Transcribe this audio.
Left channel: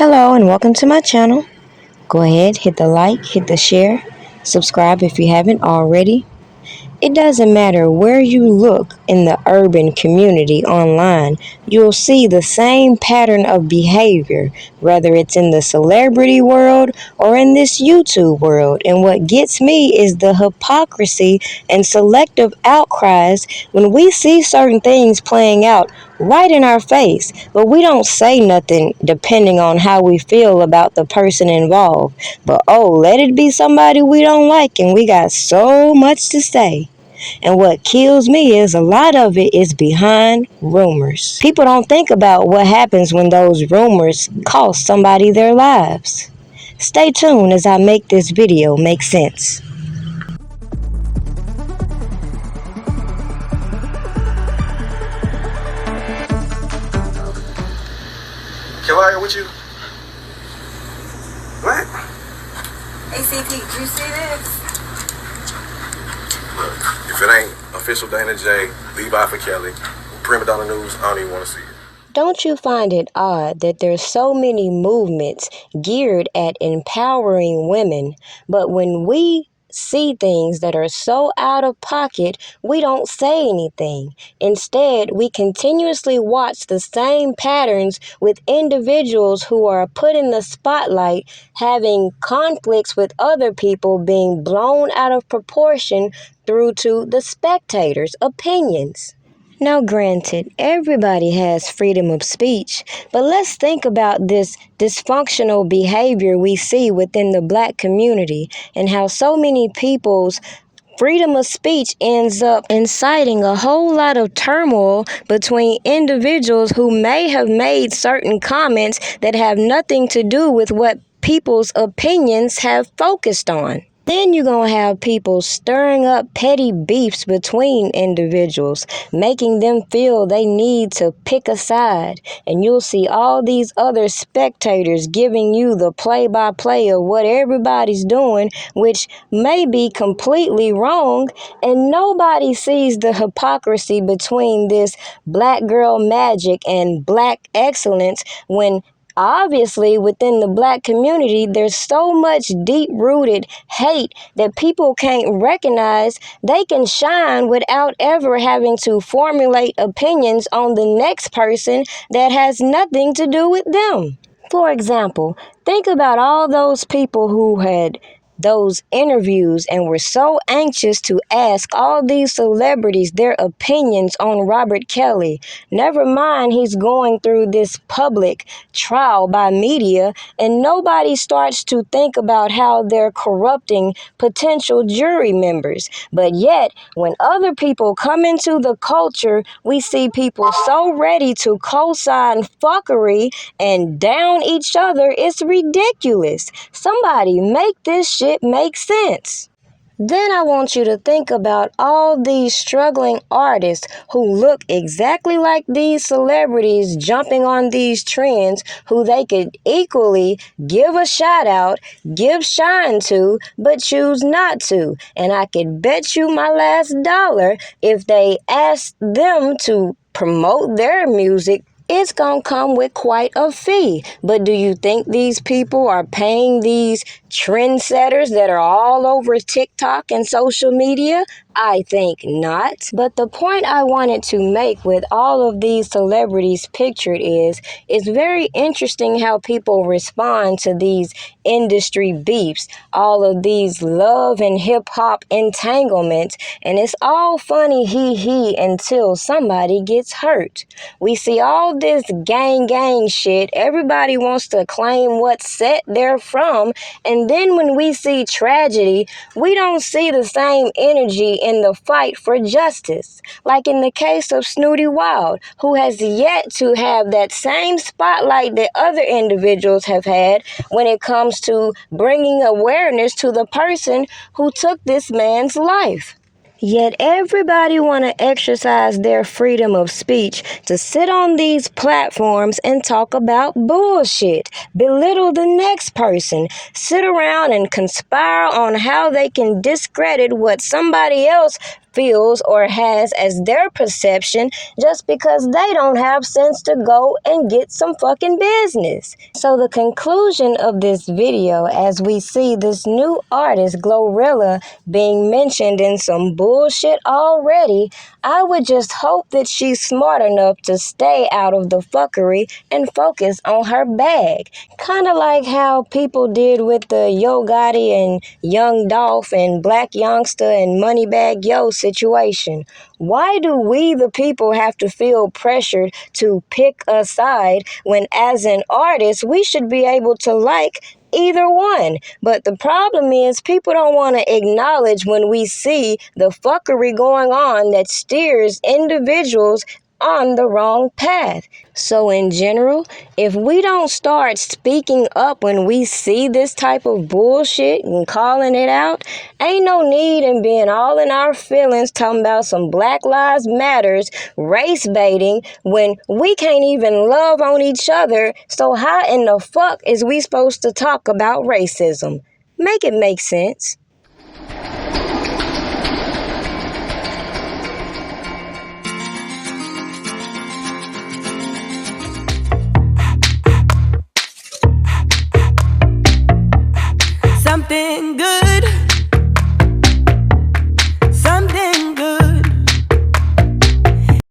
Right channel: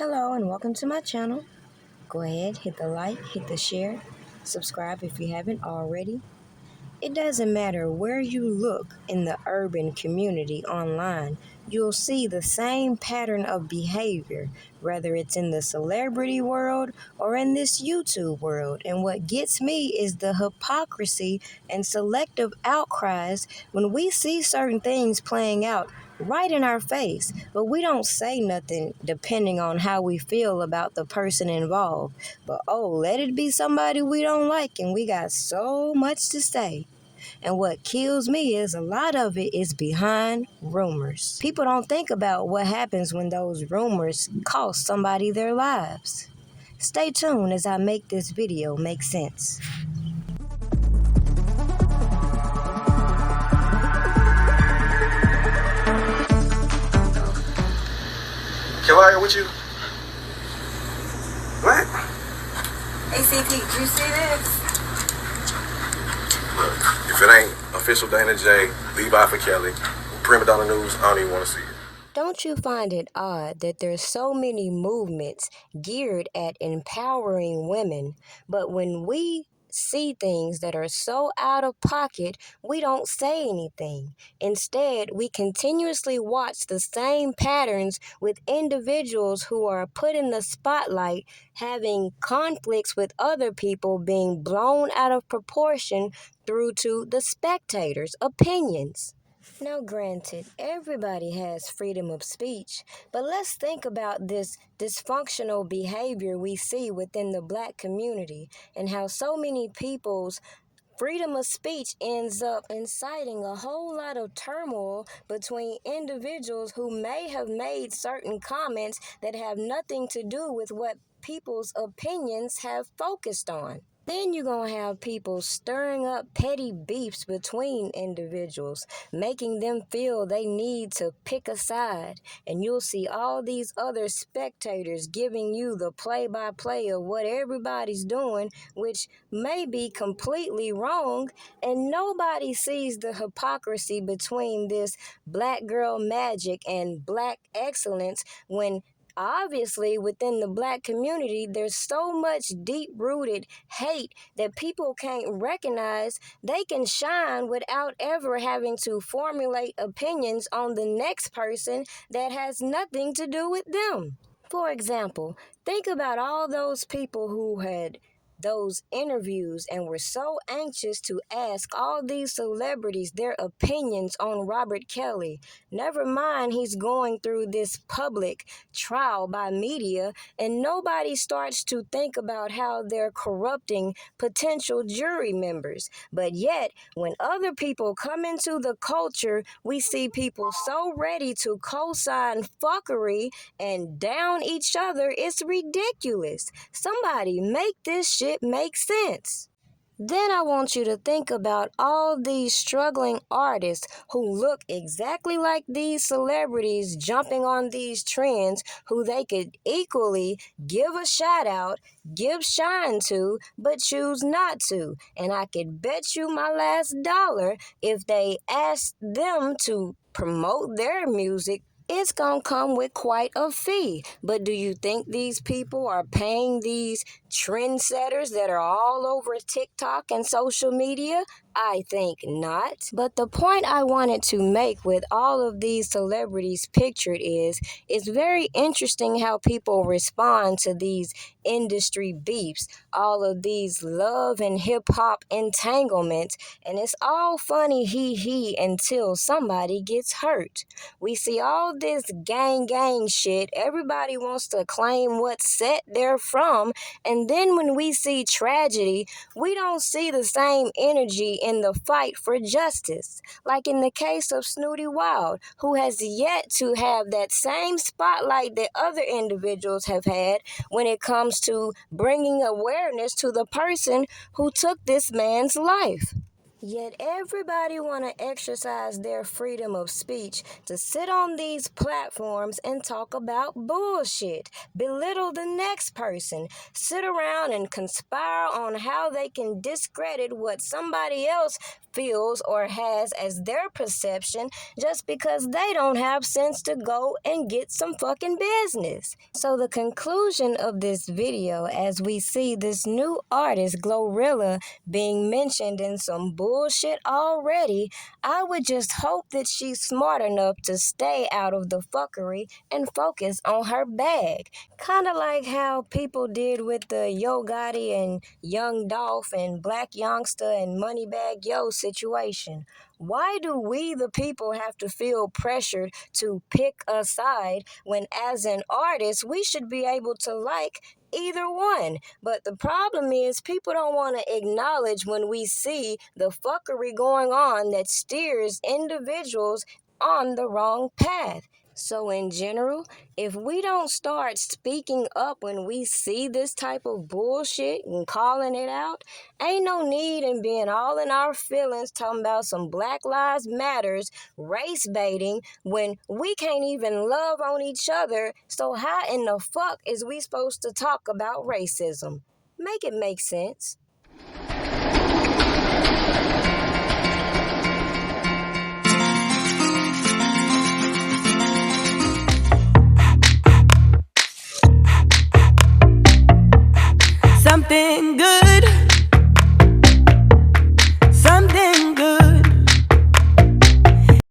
Hello and welcome to my channel. Go ahead, hit the like, hit the share, subscribe if you haven't already. It doesn't matter where you look in the urban community online, you'll see the same pattern of behavior, whether it's in the celebrity world or in this YouTube world. And what gets me is the hypocrisy and selective outcries when we see certain things playing out right in our face, but we don't say nothing depending on how we feel about the person involved. But oh, let it be somebody we don't like and we got so much to say. And what kills me is a lot of it is behind rumors. People don't think about what happens when those rumors cost somebody their lives. Stay tuned as I make this video make sense. Can I with you? What? ACP, you see this? Look, if it ain't official Dana J, Levi for Kelly, Primadonnanews, I don't even want to see it. Don't you find it odd that there's so many movements geared at empowering women, but when we see things that are so out of pocket, we don't say anything. Instead, we continuously watch the same patterns with individuals who are put in the spotlight, having conflicts with other people being blown out of proportion through to the spectators' opinions. Now, granted, everybody has freedom of speech, but let's think about this dysfunctional behavior we see within the Black community and how so many people's freedom of speech ends up inciting a whole lot of turmoil between individuals who may have made certain comments that have nothing to do with what people's opinions have focused on. Then you're going to have people stirring up petty beefs between individuals, making them feel they need to pick a side. And you'll see all these other spectators giving you the play-by-play of what everybody's doing, which may be completely wrong. And nobody sees the hypocrisy between this Black girl magic and Black excellence when obviously, within the Black community, there's so much deep-rooted hate that people can't recognize they can shine without ever having to formulate opinions on the next person that has nothing to do with them. For example, think about all those people who had those interviews and were so anxious to ask all these celebrities their opinions on Robert Kelly. Never mind he's going through this public trial by media, and nobody starts to think about how they're corrupting potential jury members. But yet, when other people come into the culture, we see people so ready to co-sign fuckery and down each other. It's ridiculous. Somebody make this shit make sense. Then I want you to think about all these struggling artists who look exactly like these celebrities jumping on these trends, who they could equally give a shout out, give shine to, but choose not to. And I could bet you my last dollar if they asked them to promote their music, it's going to come with quite a fee. But do you think these people are paying these trendsetters that are all over TikTok and social media? I think not. But the point I wanted to make with all of these celebrities pictured is it's very interesting how people respond to these industry beefs, all of these love and hip-hop entanglements, and it's all funny hee until somebody gets hurt. We see all this gang shit. Everybody wants to claim what set they're from, and then when we see tragedy, we don't see the same energy in the fight for justice. Like in the case of Snootie Wild, who has yet to have that same spotlight that other individuals have had when it comes to bringing awareness to the person who took this man's life. Yet everybody want to exercise their freedom of speech to sit on these platforms and talk about bullshit, belittle the next person, sit around and conspire on how they can discredit what somebody else feels or has as their perception just because they don't have sense to go and get some fucking business. So the conclusion of this video, as we see this new artist, Glorilla, being mentioned in some bullshit already, I would just hope that she's smart enough to stay out of the fuckery and focus on her bag. Kind of like how people did with the Yo Gotti and Young Dolph and Black Youngster and Moneybag Yo situation. Why do we, the people, have to feel pressured to pick a side when, as an artist, we should be able to like either one? But the problem is people don't want to acknowledge when we see the fuckery going on that steers individuals on the wrong path. So in general, if we don't start speaking up when we see this type of bullshit and calling it out, ain't no need in being all in our feelings talking about some Black Lives Matters, race baiting, when we can't even love on each other. So how in the fuck is we supposed to talk about racism? Make it make sense. Something good